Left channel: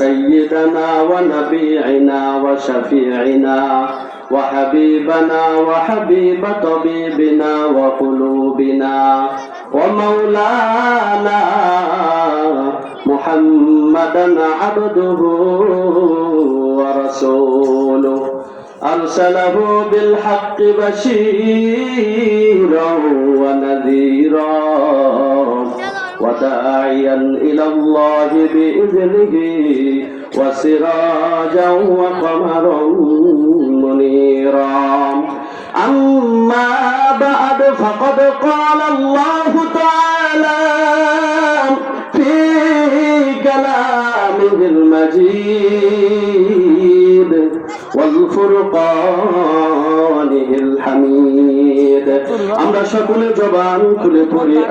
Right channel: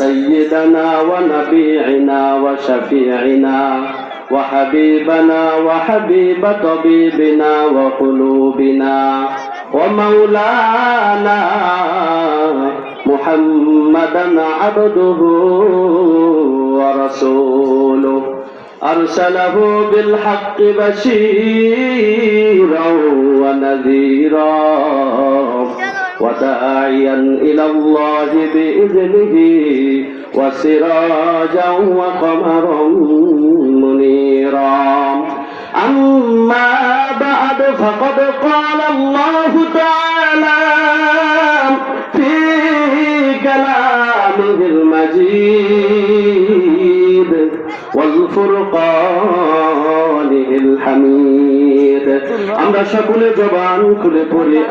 سيدنا ونبينا وشفيعنا وحبيبنا وحبيب طبيبنا وقلوبنا ومولانا محمدا عبده ورسوله. أرسله بالحق بشيرا ونذيرا. وداعيا إلى الله بإذنه وسراجا وقمرا منيرا أما بعد فقد قال الله تعالى في كلامه المجيد والفرقان الحميد أما شكل جبان كل قرئ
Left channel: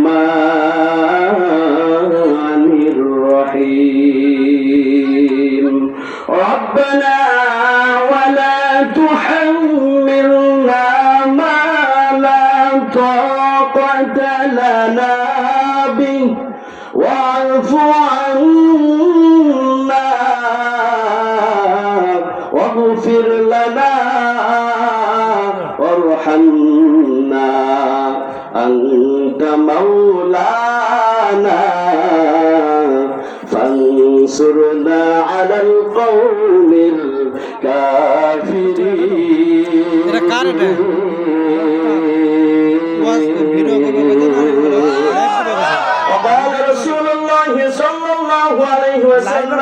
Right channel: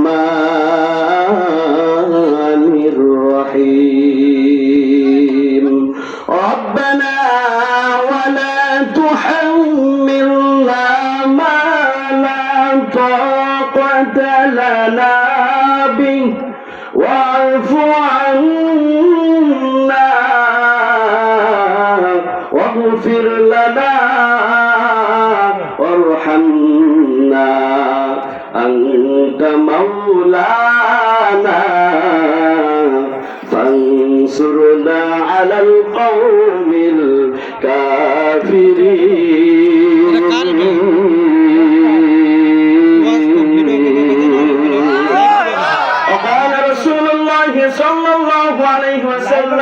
فانصرنا على القوم الكافرين. وقال رسول الله صلى الله عليه وسلم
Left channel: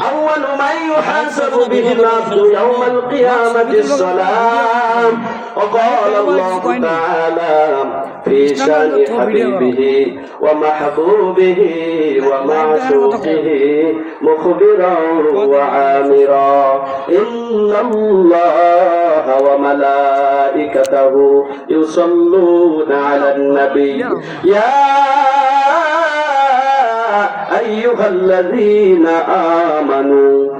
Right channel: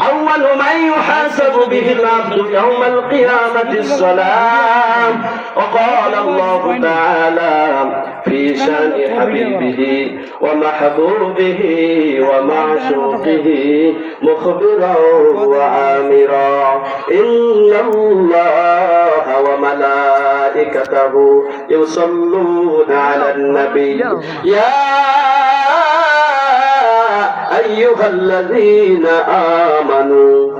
أول من يحاسب به العبد يوم القيامة الصلاة. وقال الله تعالى في شان حبيبه ومحبوبه ومعشوقه مخبرا وعامرا. إن الله وملائكته يصلون على النبي. يا أيها الذين آمنوا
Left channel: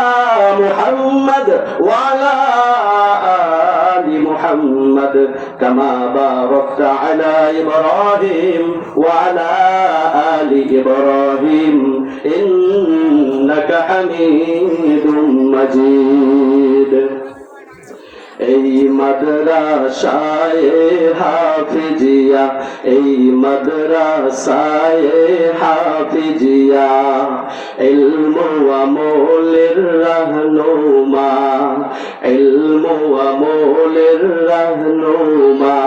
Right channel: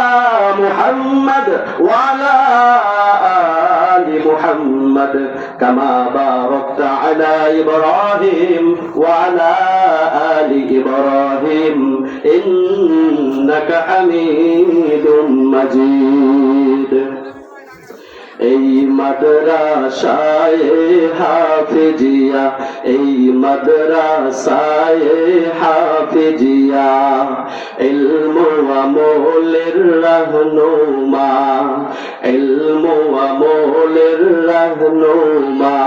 محمد وعلى آل محمد كما باركت على إبراهيم وعلى آل إبراهيم إنك حميد مجيد এই মাদ্রাসায় হাফিজিয়া এই মাদ্রাসায় হাফিজিয়া আমলের রাহনুমা ইলমু আমলের রাহনুমা।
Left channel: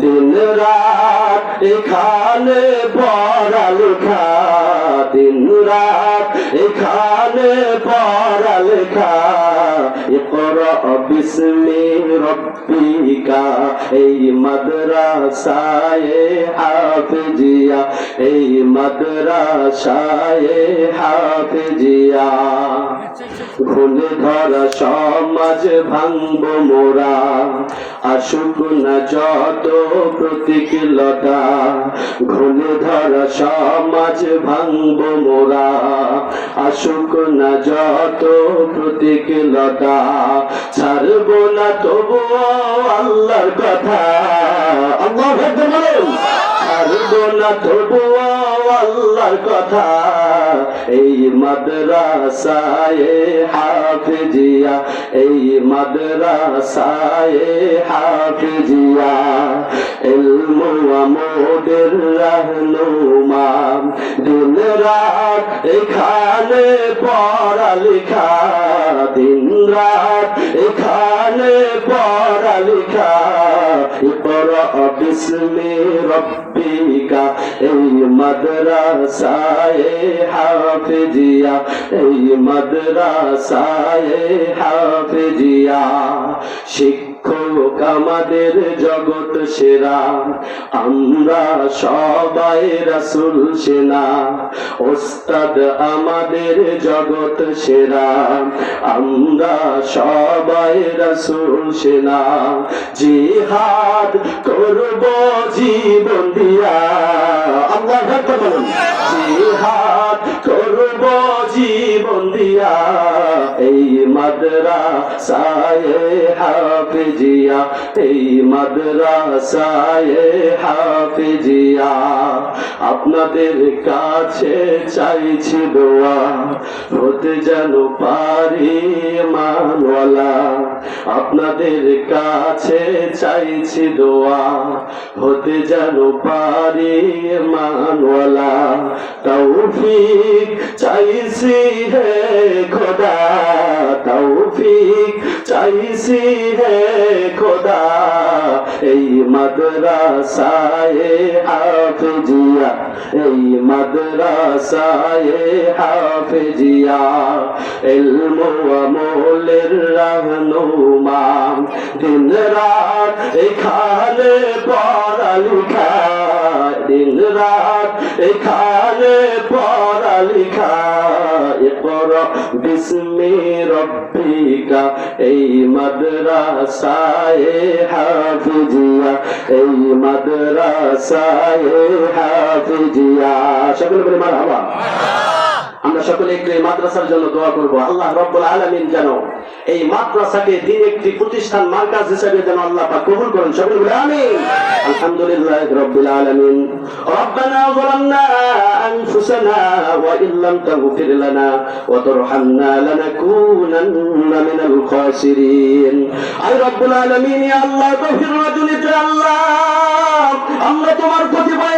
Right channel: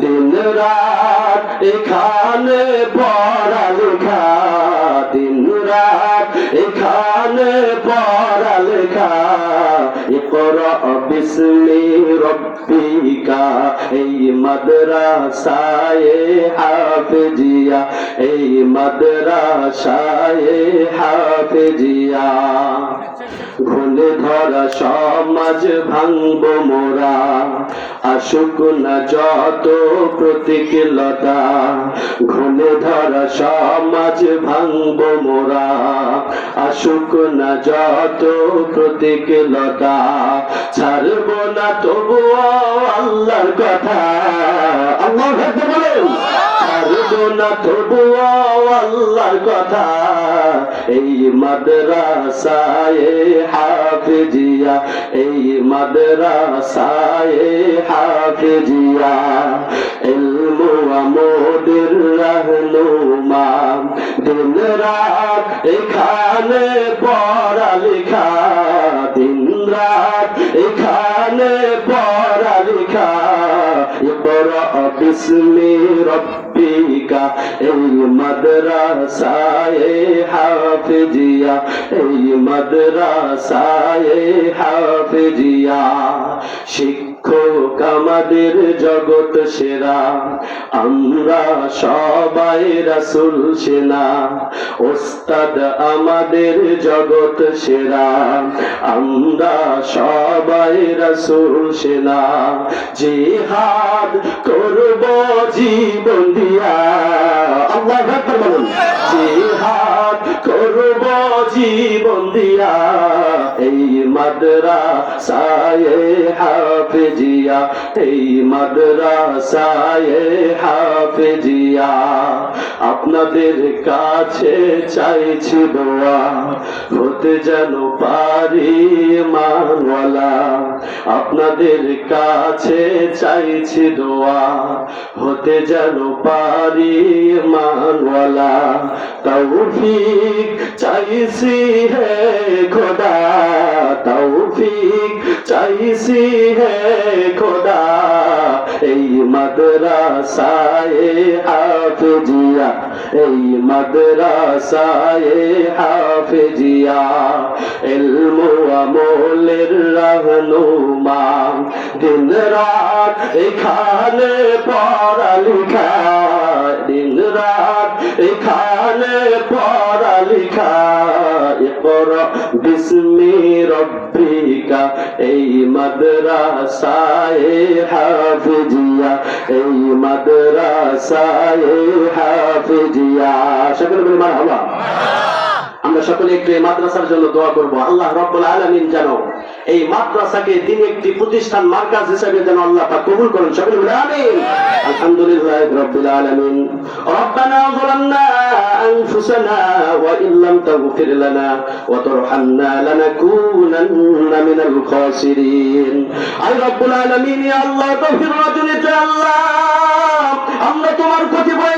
দিন রাত এখানে পড়ালেখা দিন রাত এখানে পড়ালেখা বিসমি রব্বিকা এই মাদ্রাসায় হাফেজিয়া এই মাদ্রাসায় হাফেজিয়া। ভুলে ধরা সমাজ ভাঙব মোরা। আসুক না যত প্রতিকূলতা ঘুনে ধরা সমাজ ভাঙব মোরা। আসুক না যত প্রতিকূলতা ছাড়ব না তবুও আল্লাহর কথা। আল্লাহ ছাড়ব না তবুও আল্লাহর কথা। এই মাদ্রাসায় হাফেজিয়া এই মাদ্রাসায় হাফিজিয়া। ইলমু আমোদের রহনুমা দিন রাত এখানে মাদ্রাসায় হাফেজিয়া, এই মাদ্রাসায় হাফেজিয়া। শিক্ষক আমাদের জগৎ সেরা, আমরা সবাই রাসুল সেনা। ওস্তাদ আমাদের জগৎ সেরা, আমরা সবাই রাসুল সেনা। জিহাদ করব জীবন দিয়া। জীবন দিয়া, এই মাদরা সায়ে হাফেজিয়া, এই মাদরা সায়ে হাফেজিয়া। আপনাদের কাছে চাইছি দোয়া, হতে যেন পারি মানওয়ালা আপনাদের কাছে চাইছি দোয়া, হতে যেন পারি মানওয়ালা তৌফিক চাইছি হে খোদা, তৌফিক চাইছি হে খোদা। এই মাদ্রাসায় হাফেজিয়া, এই মাদ্রাসায় হাফেজিয়া। ইলম আমলের রাহনুমা দিন রাত, এখানে পড়ালেখা। দিন রাত, এখানে পড়ালেখা। পর বিস্মি রব্বিকা, এই মাদ্রাসায় হাফিজিয়া, এই মাদ্রাসায় হাফিজিয়া। সকলে বলে মারহাবা। আমরা সকলে একটু এই মাদ্রাসার জন্য দোয়া করব আল্লাহ রব্বুল আলামিন যেন এই মাদ্রাসাকে দিন একটি প্রতিষ্ঠান মার্কাজ হিসেবে যেন আল্লাহ পাক কবুল করেন সকলে বলে আমিন আলহামদুলিল্লাহ রব্বুল আলামিন ربنا ظلمنا أنفسنا وإن لم تغفر لنا وترحمنا لنكونن من الخاسرين أي رب العالمين يا الله تغفر رجلك الله আমরা তোমার কতিপয়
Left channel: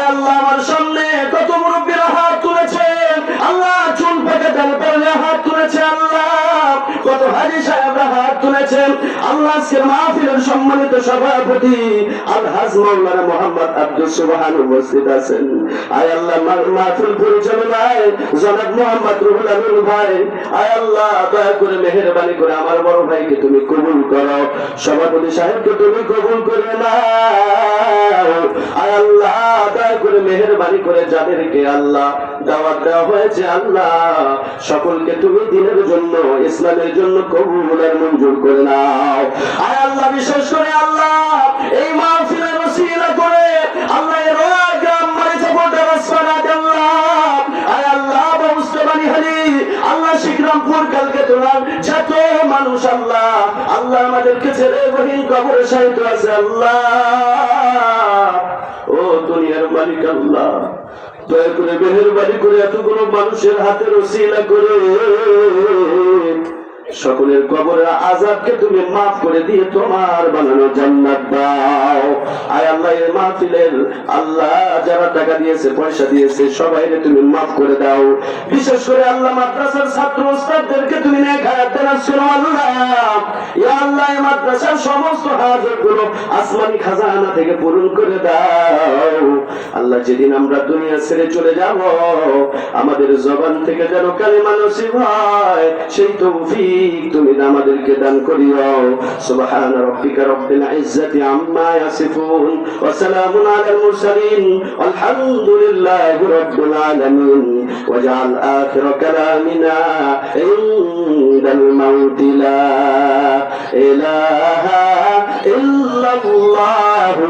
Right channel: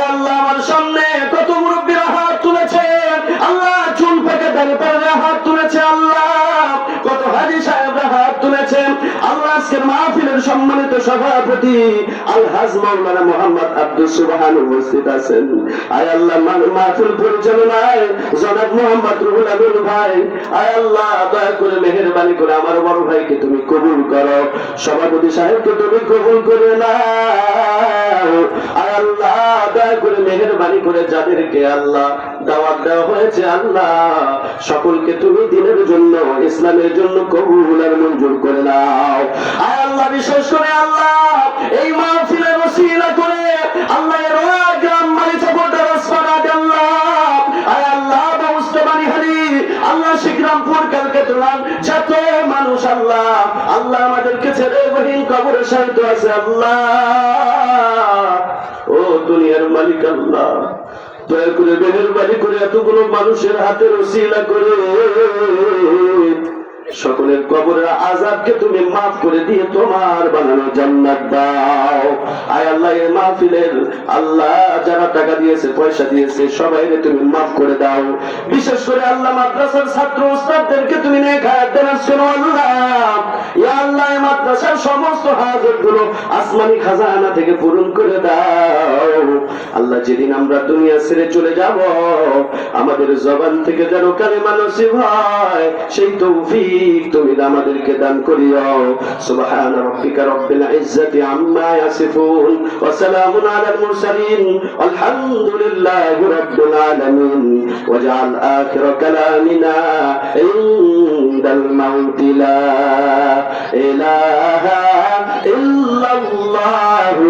আল্লাহ আমার সামনে কত মুরব্বীরা হাত তুলেছেন। আল্লাহ সভাপতি আলহাজ মাওলানা মোহাম্মদ আব্দুল সুবহান উপস্থিত আছেন। আয় আল্লাহ মাহফিল পরিচালনায় জনাব মোহাম্মদ রুহুল আমিন ভাই, আয় আল্লাহ, দয়া করে মেহেরবানি করে আমার বড় ভাইকে তুমি কবুল করো। সভাপতি সাহেবকে তুমি কবুল করে নাও। আয় আল্লাহ, দয়া করে মেহেরবানি করে যাদেরকে আল্লাহ দাওয়াত দেওয়া হয়েছে আল্লাহ। সকলকে তুমি দিনের জন্য, ইসলামের জন্য কবুলের মঞ্জুর করে নাও। আয় আল্লাহ, বিশেষ করে আল্লাহ, এই মাহফিলের করে মানুষ আল্লাহ আমাদেরকে ছেড়ে আল্লাহ। ও দুনিয়ার মালিক আল্লাহ। দয়া করে মেহেরবানি করে এতগুলো মানুষের হাতে রসিলা করে। সকলের কবরের আজাবকে তুমি মাফ করে দিয়ে তোমার বানানো জান্নাত দাও। আয় আল্লাহ এই মাহফিলের আল্লাহ যারা টাকা দিয়েছে, পয়সা দিয়েছে সবাই তুমি মাফ করে দাও। বিশেষ করে আল্লাহ মাদ্রাসার ছাত্র উস্তাদদেরকে তুমি আল্লাহ। ইয়া আল্লাহ মাদ্রাসার সমস্ত আসমানি খাজানা থেকে পূরণ করে দাও। আল্লাহ, যেদিন আমরা দুনিয়া ছেড়ে চলে যাব, আমাদের জবান থেকে যেন কালিমা নসিব হয়, সেই তৌফিক তুমি আমাদেরকে দান করিও। সুবহান রাব্বিকা রব্বিল ইজ্জাতি আম্মা ইয়াসিফুন ওয়া সালামুন আলাল মুরসালিন। আলহামদুলিল্লাহি রাব্বিল আলামিন। ওয়াজআল আখির কালামিনা ইনদাল মাউতি লা ইলাহা ইল্লাল্লাহু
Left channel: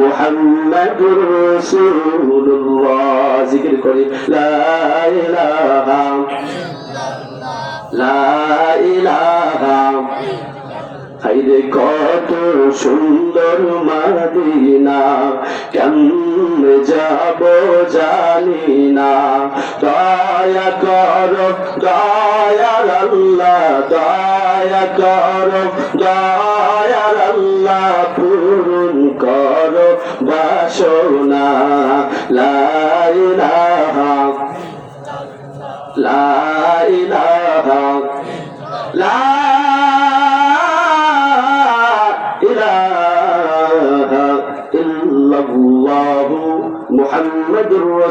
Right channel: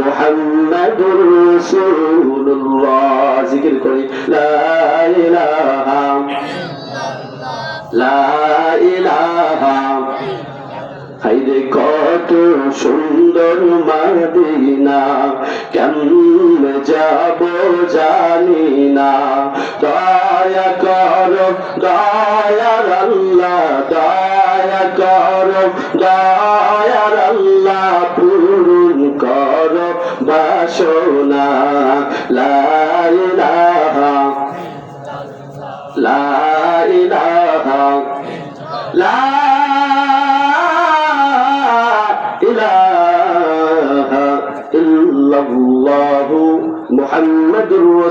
মুহাম্মাদুর রাসূলুল্লাহ। জিকির করি, লা ইলাহা লা কত সুন্দর মাদিনা কেমন যাব জানি না।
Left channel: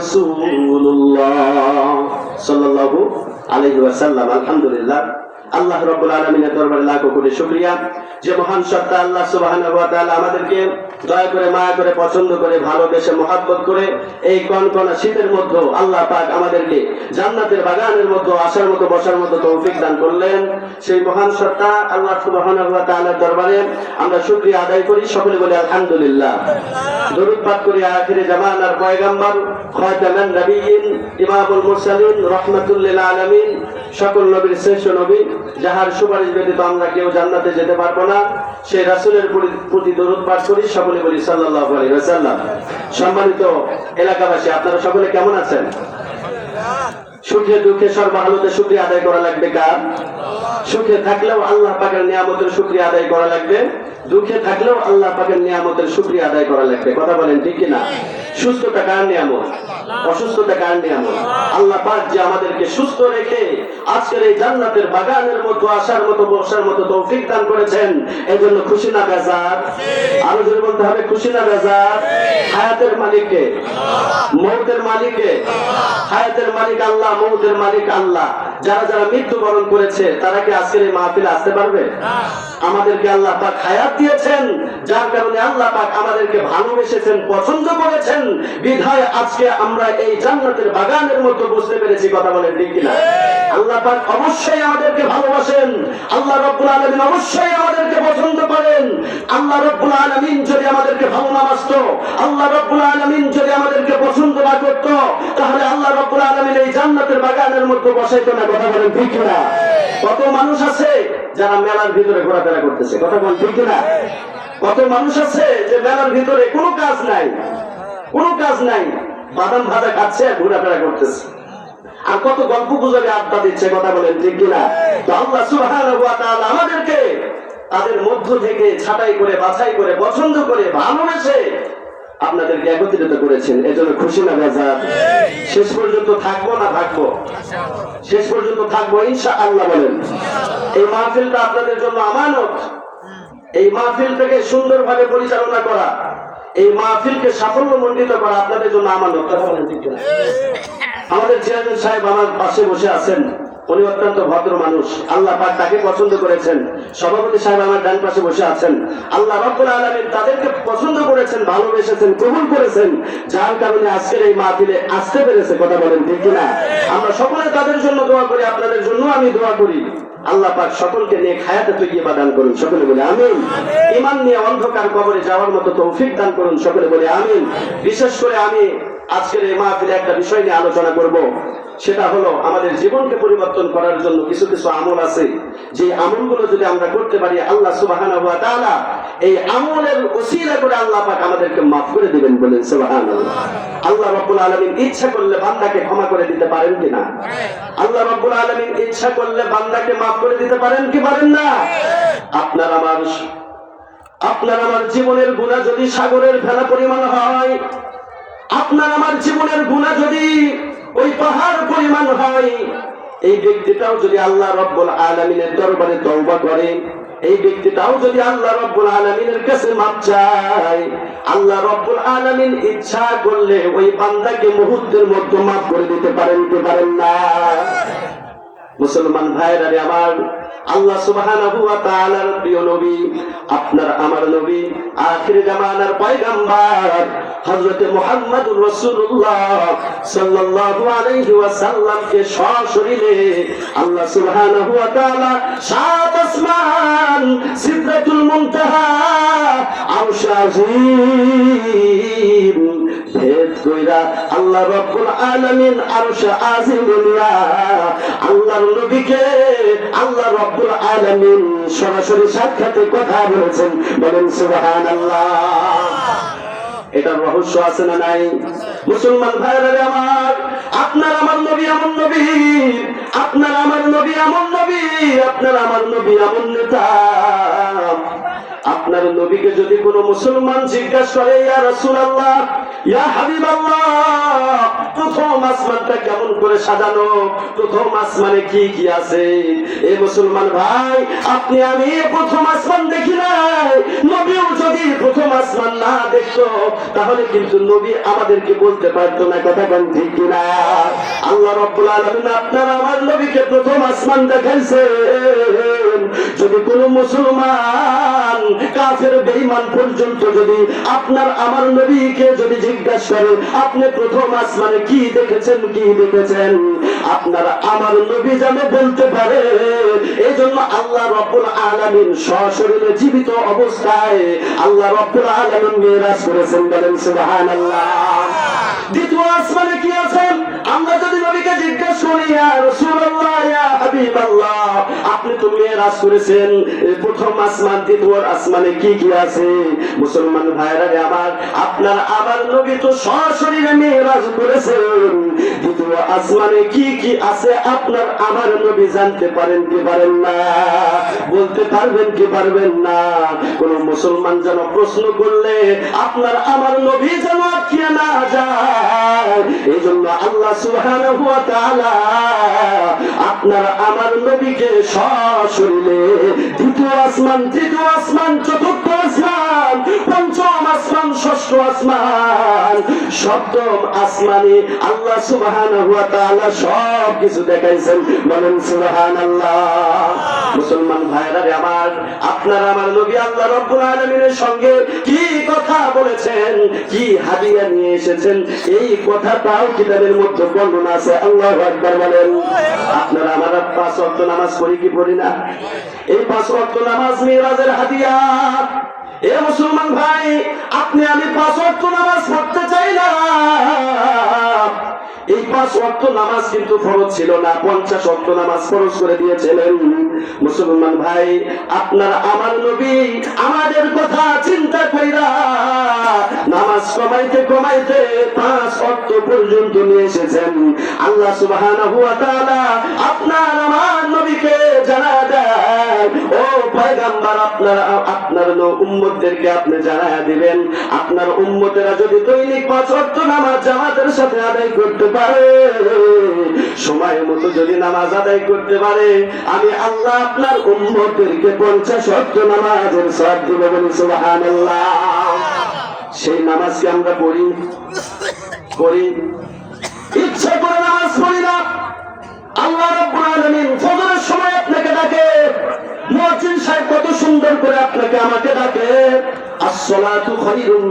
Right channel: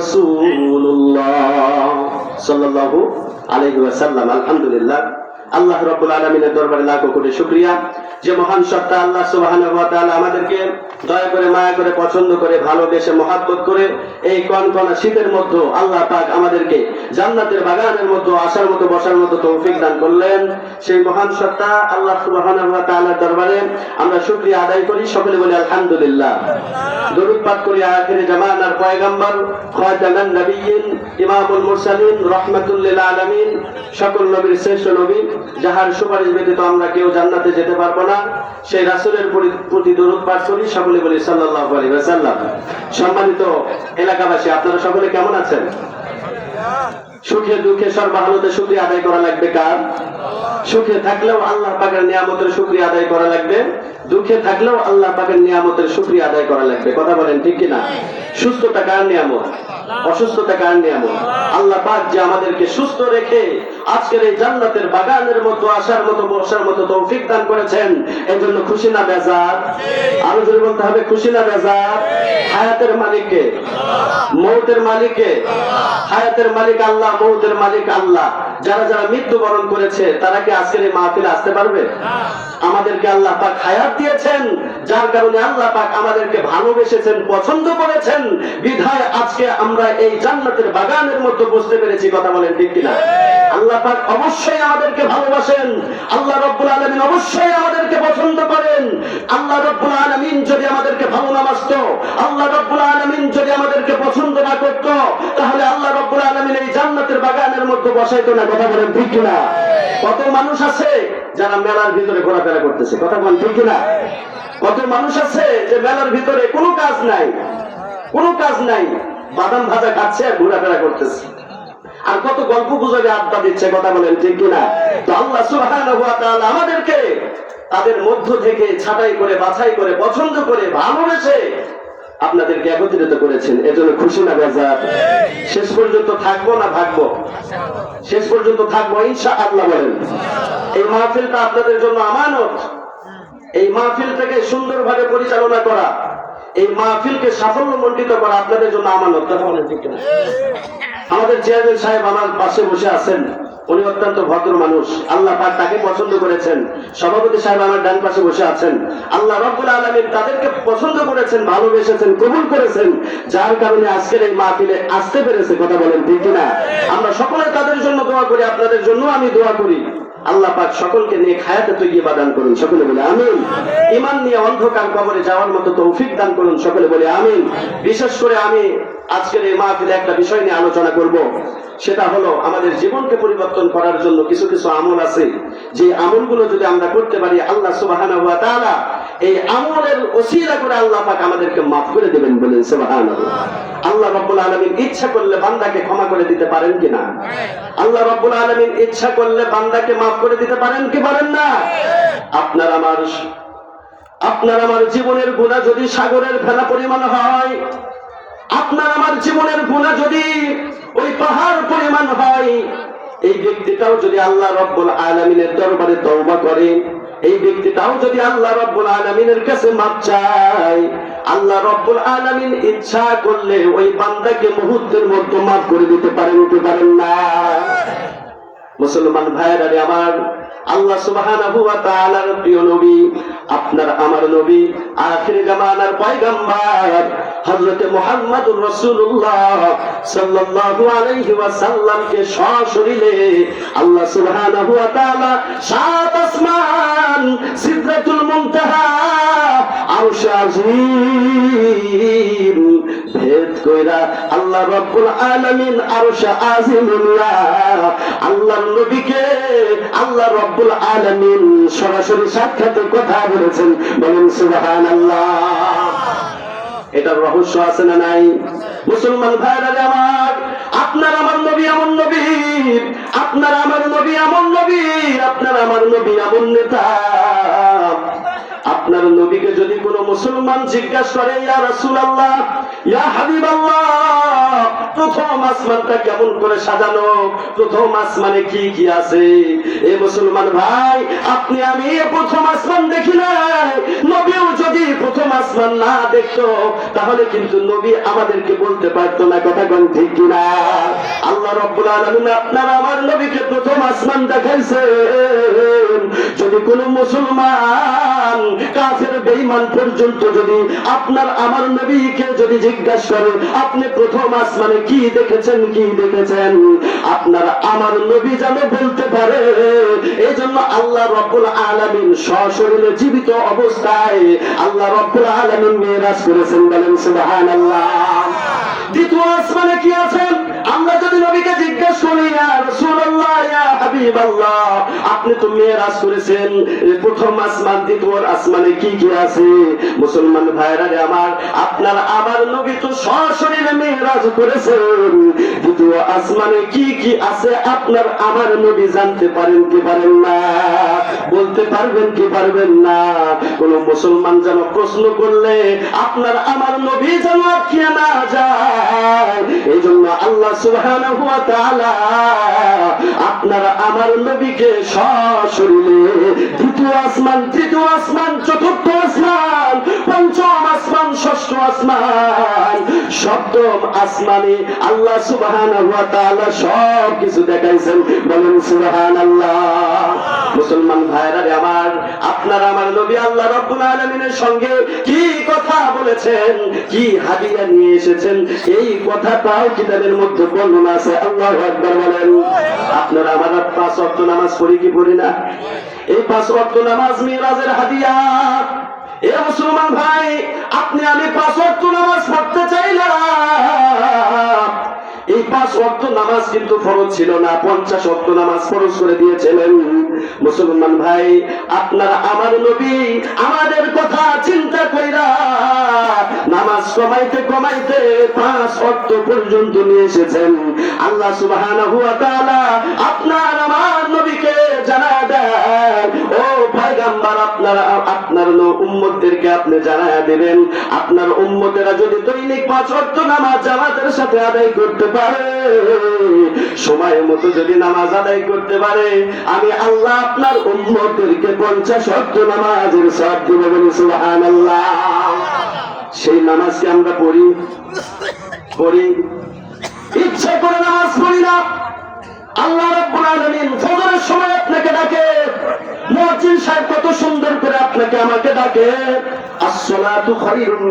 রাসূলুল্লাহ সাল্লাল্লাহু আলাইহি ওয়াসাল্লাম আলহামদুলিল্লাহ। আল্লাহ রাব্বুল আলামিনের দরবারে লাখ কোটি শুকরিয়া। যে মহান সত্তা আল্লাহ সুবহানাহু আমাদেরকে দয়া করে মায়া করে, পছন্দ করে, ভালোবেসে, মহাব্বত করে এই কনকনা শীতের মধ্যে আল্লাহ পাক আমাদেরকে জান্নাতের বাগানের মধ্যে আসার মতো, বসার মতো তৌফিক দান করলেন। সেই মহান সত্তা আল্লাহ ওয়া দরবারে আমরা শুক্রিয়া আদায় করি। সকলে বলি আলহামদুলিল্লাহ। দরুদ পাঠ করি আখিরে জামানার পয়গম্বর খাতামান নবিয়্যিন ইমামুল মুরসালিন, রাহমাতুল লিল আলামিন, সকল নবীর শ্রেষ্ঠ নবী। যাহার সুপারিশ ব্যতীত আমরা কেউ জান্নাতে যেতে পারব না সেই রাসূলের প্রতি- দরুদ পাঠ করি, সকলে বলি সাল্লাল্লাহু আলাইহি ওয়াসাল্লাম। সম্মানিত এলাকাবাসী, আপনারা সকলে কেমন আছেন? সুখে দুঃখে সর্বহালতে শুকরিয়া আদায় করা লাগবে কার? সুখে থাকলেও আল্লাহ পাকের নিয়ামতের শুকরিয়া আদায় করা লাগবে। দুঃখে থাকলেও আল্লাহ পাকের নিয়ামতের শুকরিয়া আদায় করা লাগবে। কথা বলেন ঠিক কিনা? সুস্থতা কার নিয়ামত? অসুস্থতা কার নিয়ামত? আল্লাহ পাক যে আমাদেরকে সুস্থ রেখে আজকের এই জান্নাতের বাগানের মতো আসার মতো, বর্ষার মতো তৌফিক দান করেছেন এই জন্য খুশি না বেজার? আরও জোরে বলতে হবে, খুশি না বেজার? হায়াতের মালিককে, মৌতের মালিককে, হায়াতের মালিক আল্লাহ, মৌতের মালিক আল্লাহ। যারা যারা মৃত্যুবরণ করেছে তারা কি আজকের এই মাহফিলে আসতে পারবে? আমাদেরকে আল্লাহ পাক হায়াত দিয়েছেন যার কারণে আল্লাহ পাক আমাদেরকে ভালোবেসেছেন পছন্দ করেছেন। বিধায় আজকে আমরা এই জান্নাতের বাগানের মধ্যে বুঝতে পেরেছি কথা বলেন ঠিক কিনা? আল্লাহ পাক অবশ্যই আমাদেরকে ভালোবাসেন। আল্লাহ রব্বুল আলামিন অবশ্যই আমাদেরকে পছন্দ করেন। আল্লাহ রব্বুল আলামিন যদি আমাদেরকে ভালো না বাসতো আল্লাহ রব্বুল আলামিন যদি আমাদেরকে পছন্দ না করত তাহলে আল্লাহ রব্বুল আলামিন এই জান্নাতের বাগানের মধ্যে বসাইতো না, কথা বলেন ঠিক কিনা? কত মানুষ আছে যারা মেলার ভিতরে ঘোরাফেরা করতেছে, কথা বলেন ঠিক কিনা? কত মানুষ আছে যে মেলার ভিতরে কোনো কাজ নাই, কোনো কাজ নাই, বাদাম ভাজা খাচ্ছে আর ঘোরাফেরা করতেছে। আর কত গল্প গুজবে আড্ডা দিচ্ছে, কথা বলেন ঠিক কিনা? তো আল্লাহ সুবহানাহু ওয়া তাআলা আমাদেরকে তাদের মধ্য থেকে ছাঁটাই করে, বাছাই করে, পছন্দ করে, ভালোবেসে আপনাদেরকে একত্রিত করেছেন। এজন্য খুশি না বেজার। শেষ পর্যন্ত থাকব না থাকব? শেষ পর্যন্ত থাকব ইনশা আল্লাহ বলেন। এই মাহফিলটা আপনাদের জন্য আমানত। এই মাহফিলটাকে সুন্দরভাবে পরিচালনা করা, এই মাহফিলকে সাফল্য মণ্ডিত করা আপনাদের জন্য আমানত। আমাদের চেয়ারম্যান সাহেব আমার পাশে বসে আছেন। উনি অত্যন্ত ভদ্র মানুষ। আল্লাহ তাকে করেছেন। সভাপতি সাহেব আমার ডান পাশে বসে আছেন। আল্লাহ রব্বুল আলমী তাদেরকে পছন্দ করেছেন, ভালোবেসেছেন, কবুল করেছেন। যার কারণে আজকের এই মাহফিলে আসতে পেরেছে, কথা বলেন ঠিক কিনা? আমরা সকলে তাদের জন্য দোয়া করি, আপনাদের জন্য আমি দোয়া করি। আল্লাহ পাক সকলকে নিয়ে খায়াতে তৈরি দান করুন সকলে বলে আমিন। ইমান নিয়ে অন্ধকার কবরে যাওয়ার মতো তৌফিক দান করুন সকলে বলে আমিন। বিশেষ করে আমি আজকের এই মাহফিলে একটা বিষয় নিয়ে আলোচনা করব। সেটা হলো আমাদের জীবনকে পরিবর্তন করার জন্য কিছু কিছু আমল আছে। যে আমলগুলো যদি আমরা করতে পারি আল্লাহ সুবহানাহু ওয়া তাআলা এই আমলের ওসিলা করে আল্লাহ পাক আমাদেরকে মাফ করে দেবেন বলেন, সুবহানাল্লাহ। আল্লাহ রাব্বুল আলামিন ইচ্ছা করলে বান্দাকে ক্ষমা করে দিতে পারেন কিনা? আল্লাহ রাব্বুল আলামিন ইচ্ছা করলে বান্দাকে মাফ করে দিতে পারেন কি পারেন না? আপনার আমার আপনার আমার জীবনের গুণা যদি সাগরের ফেলা পরিমাণ হয়, আপনার আমার জীবনের গুণা যদি ওই পাহাড় পরিমাণ হয়, এই ব্যক্তিটাও যদি আল্লাহ রব্বুল আলমিনের দরবারে তওবা করে এই ব্যক্তিটাও যদি আল্লাহ রব্বুল আলমিনের কাছে মাপ চায়, আল্লাহ রব্বুল আলমিন ইচ্ছা করলে ওই বান্দাকে মুহূর্তের মধ্যে মাফ করে দিতে পারেন কি পারেন না। মুসলমান ভাইয়েরা রে আমার, আল্লাহ সুবহানাহু ওয়া তাআলার প্রিয় নবী, আপনার আমার নবী, আখির জামানার পয়গম্বর মুহাম্মদুর রাসূলুল্লাহ সাল্লাল্লাহু আলাইহি আল্লাহ সুবহানাহু ওয়া তাআলা সাত আসমান সিদরাতুল মুনতাহা আরশ ভেদ কইরা আল্লাহ রব্বুল আলামিন আরশ আল্লাহর নবীকে আল্লাহ রব্বুল আলামিন সরাসরি সাক্ষাতে কথা বলেছেন। বলেন সুবহানাল্লাহ। এটার রহস্য আছে না নাই? মুসলমান ভাইরা আমার আপনার আমার নবী এমন নবী, আপনার আমার নবী এমন নবী, আপনার আমার নবী এমন নেতা। আপনার নবীকে যদি কোন মুসলমান জিজ্ঞাসা করে, ইয়া রাসূলুল্লাহ, ইয়া হাবিবাল্লাহ, প্রথম আসমানটা কেমন করে সাজানো? প্রথম আসমানে কি কি আছে? এই মুসলমান ভাই, আপনি আমি এ প্রথম দেখতো তাহলে কিন্তু নবী আমাদেরকে বলতে পারতো না কথা কেন ঠিক কিনা? আল্লাহ রব্বুল আলমিন আপনার আমার নবীকে প্রথম আসমান দেখাইছে যদি কোনো মুসলমান কাফের বেঈমান পর্যন্ত যদি আপনার, আমার নবীকে যদি জিজ্ঞাসা করে, আপনি প্রথম আসমানে কি দেখেছেন কি দেখেছেন? আপনার আমার নবী যেন বলতে পারে এই আল্লাহ রব্বুল আলামিন সশরীরে জীবিত অবস্থায় আল্লাহ রব্বুল আলামিন মেরাজ করেছেন, বলেন সুবহানাল্লাহ। দ্বিতীয় আসমানে কি আছেন? আমরা যদি নবীকে জিজ্ঞেস করি, ইয়া রাসূলুল্লাহ, ইয়া হাবিবাল্লাহ। আপনি তো মেরাজ করেছেন। প্রথম আসমান, দ্বিতীয় আসমানে কি কি আছে? মুসলমান ভাইরা আমার, আপনার আমার নবী তো সশরীরে মেরাজ করেছেন। দ্বিতীয় আসমানে কি কি আছে আপনার আমার নবী জানতে পারেন কি পারেন না? বলতে পারবেন কি পারবেন না? কোন মুসলমান যেন প্রশ্ন করলে, আপনার আমার নবী যেন আটকে না যায়? এই আল্লাহ সুবহানাহু আপনার আমার নবীকে সশরীরে দ্বিতীয় আসমান, তৃতীয় আসমান, চতুর্থ আসমান, পঞ্চম আসমান, ষষ্ঠ আসমান, সপ্তম আসমানে আল্লাহ সুবহানাহু সব কিছু দেখাইছেন। বলেন সুবহানাল্লাহ। মুসলমান ভাইরা আমার, আপনার আমার নবী আল্লাহ রাব্বুল আলামিনের সঙ্গে কি কথা বলেছেন, কি হাদিয়া নিয়ে এসেছেন, এই কথাটাও কিতাবের মধ্যে বর্ণনা আছে, আল্লাহু আকবার বলেন। আপনারা আমার পাঁচ ওয়াক্ত নামাজ পড়ি কি পড়ি না? এই পাঁচ ওয়াক্ত নামাজ মিরাজের হাদিয়া। এ মুসলমান ভাই, আপনি আমি পাঁচ ওয়াক্ত নামাজ পড়তে চাই না। এই পাঁচ ওয়াক্ত নামাজ কিন্তু ফরজ ছিল না, পঞ্চাশ ওয়াক্ত নামাজ ফরজ করে দিয়েছিলেন। মুসলমান ভাই, আপনার আমার নবী, আমাদের কথা চিন্তা কইরা নামাজ কমাইতে কমাইতে পাঁচ ওয়াক্ত পর্যন্ত নিয়ে এসেছেন। আল্লাহ তাআলা আপনার আমার নবীকে জানা আপনার আপনার উম্মতদেরকে আপনি জানায় দিবেন। আপনার উম্মতেরা যদি দৈনিক পাঁচ ওয়াক্ত নামাজ জামাতের সাথে আদায় করতে পারে, সময় মতো যদি নামাজ আদায় করতে পারে, আমি আল্লাহ আপনার উম্মতদেরকে পঞ্চাশ ওয়াক্ত নামাজের সব দিবে বলি, সুবহানাল্লাহ। সেই নামাজকে আমরা পড়ি? পড়ি? ইচ্ছা করে নামাজ পড়ি না। আল্লাহ রাব্বুল আলামিন ফজরের সময় আপনাকে ডাকে মুয়াজ্জিন সাহেব কত সুন্দর করে আপনাকে আমাকে ডাকে। আসসালাতু খায়রুন